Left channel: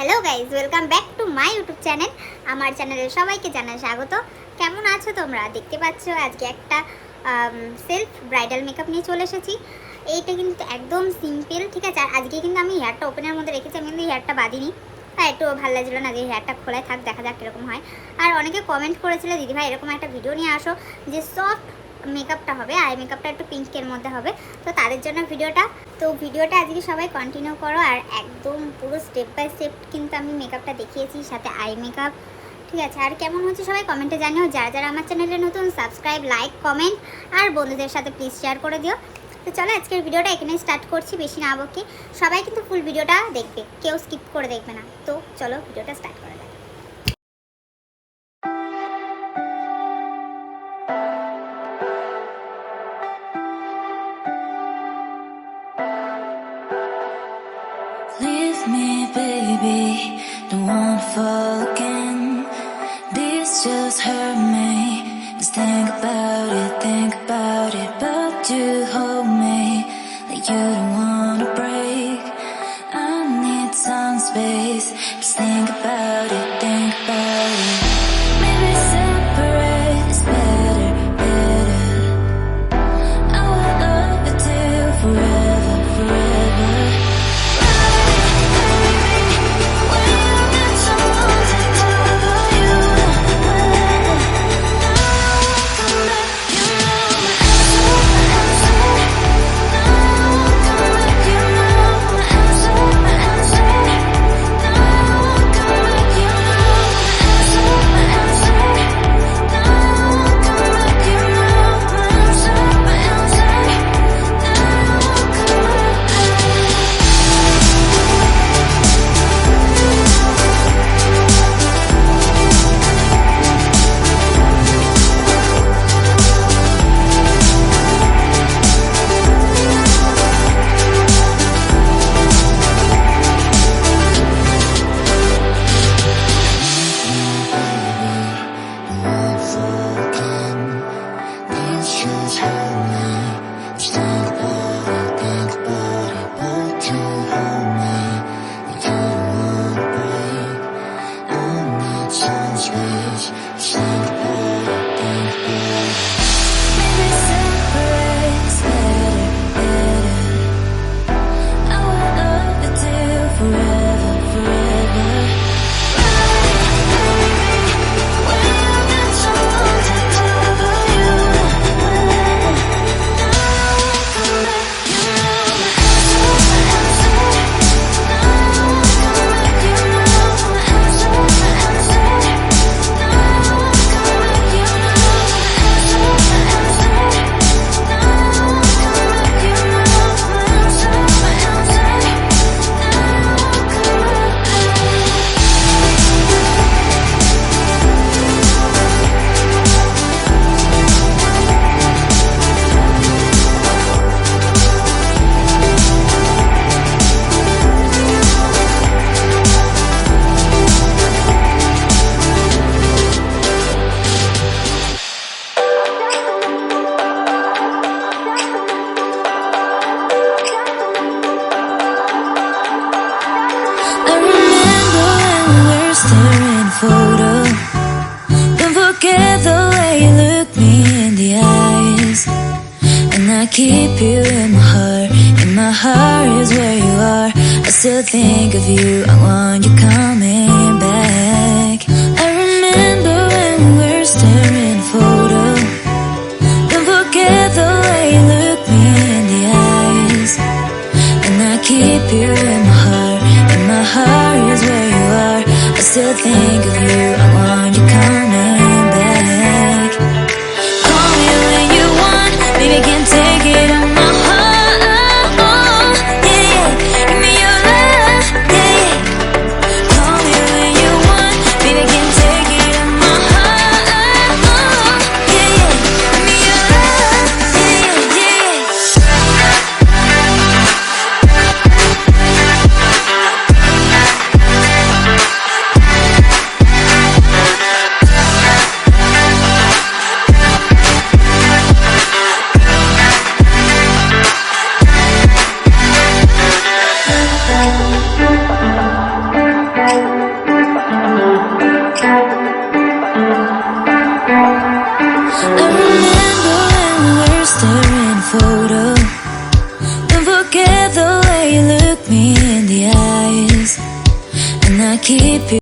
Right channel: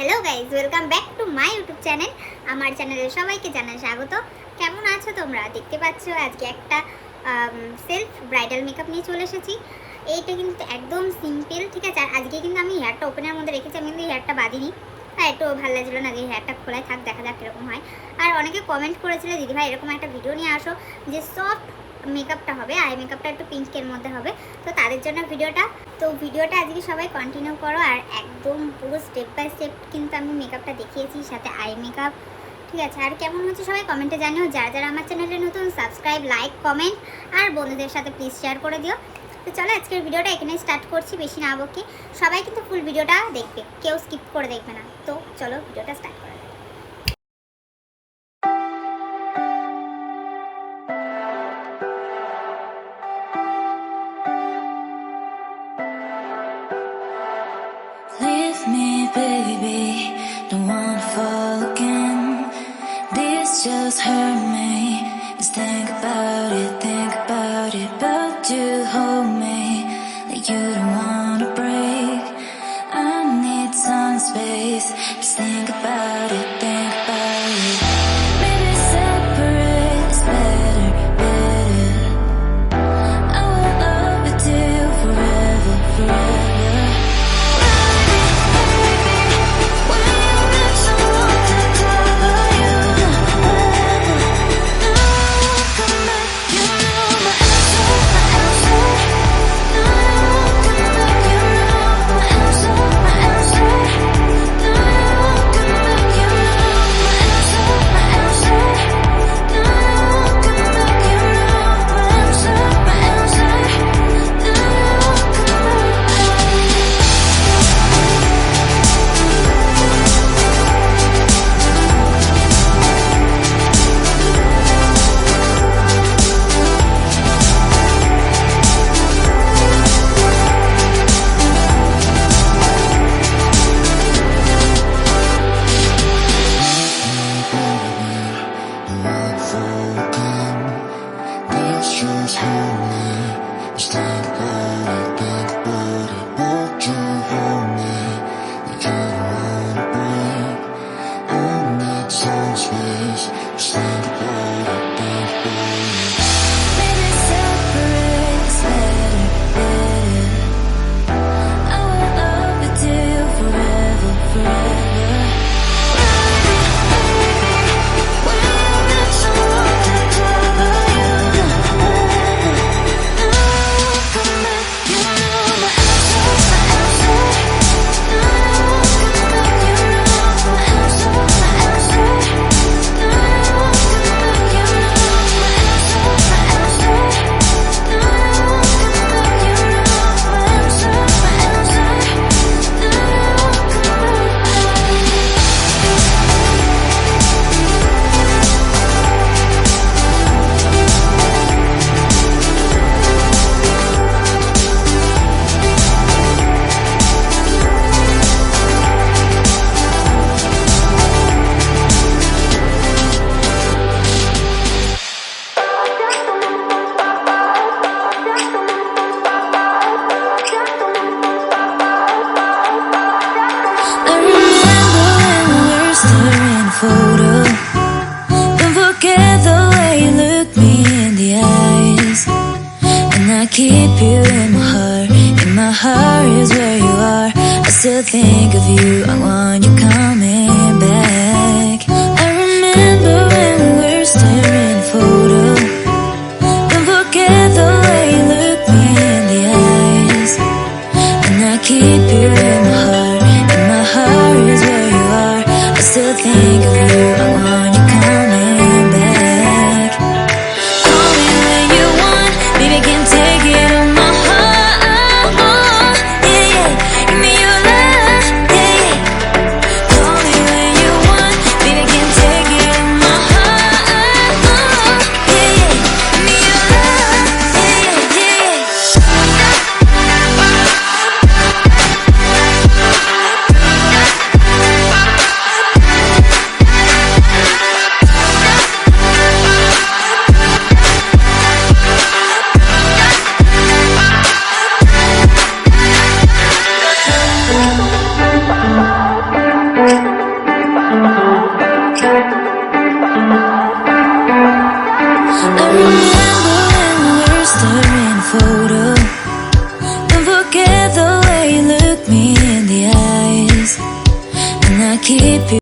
Hello guys welcome back to my YouTube channel আমার চ্যানেলে সবাইকে জানাই স্বাগত। কেমন আছো তোমরা? দেখতে পাচ্ছ আজকে একটা সেলফ ব্রাইডাল মেকআপ নিয়ে চলে এসেছি। এইটা কিন্তু একদম সিম্পল, ঠিক আছে। আজকে কিন্তু আমি হেয়ারটা ওপেনের মধ্যে রেখেছি, আমি কিন্তু হেয়ারটা বাঁধিনি, তাই একটু ভালো লাগছিল না যে হেয়ারটা খোলাই থাক, দেখা যাক কীরকম হয়। আর অনেকে কমেন্ট করেছিল দিদিভাই এরকম একটা ভিডিও নিয়ে আসো যে সফট মেকআপটা হবে, আই মেকআপটা একটু পিঙ্কের মধ্যে হবে, তো তাদের জন্য ভিডিওটা আজকে সবাই কন্টিনিউ করো। আর একদম পুরো স্টেপ বাই স্টেপ কিন্তু আমি মেকআপটা দেখিয়েছি, সাথে আই মেকআপ, ঠিক আছে। আর কেমন হচ্ছে সবাই কমেন্টে জানিও। যারা যারা আমার চ্যানেলে নতুন সাবস্ক্রাইব, লাইক, কমেন্ট আর বন্ধুদের সাথে প্লিজ শেয়ার করে দিও। তো চলো আজকের ভিডিওটা এখানে স্টার্ট করছি, বেশি না বকে। সবাই কিন্তু ফুল ভিডিওটা দেখবে, কেউ স্কিপ করে দেখবে না। তো চলো ভিডিওটা স্টার্ট করা যাক। Leave me, baby, don't wanna fall again. This just hurt me. Just think about it, but you hold me like you don't wanna break. I need some space. Just think about it. Maybe separate is better. I will love you till forever. Photo. Don't forget the way you look me in the eyes. And I keep you in my heart is where you are. I still think of you, I want you coming back. I remember when we were staring at a photo. Don't forget the way you look me in the eyes. And I keep you in my heart is where you are. I still think of you, I want you coming back. Call me when you want, baby, I can't take it on my heart. Yeah, give me your love, yeah. Call me when you want, baby, I can't take it on my heart. Yeah, give me your love, yeah. I remember when we were staring a photo. Don't forget the way you look me in the eyes, and I keep you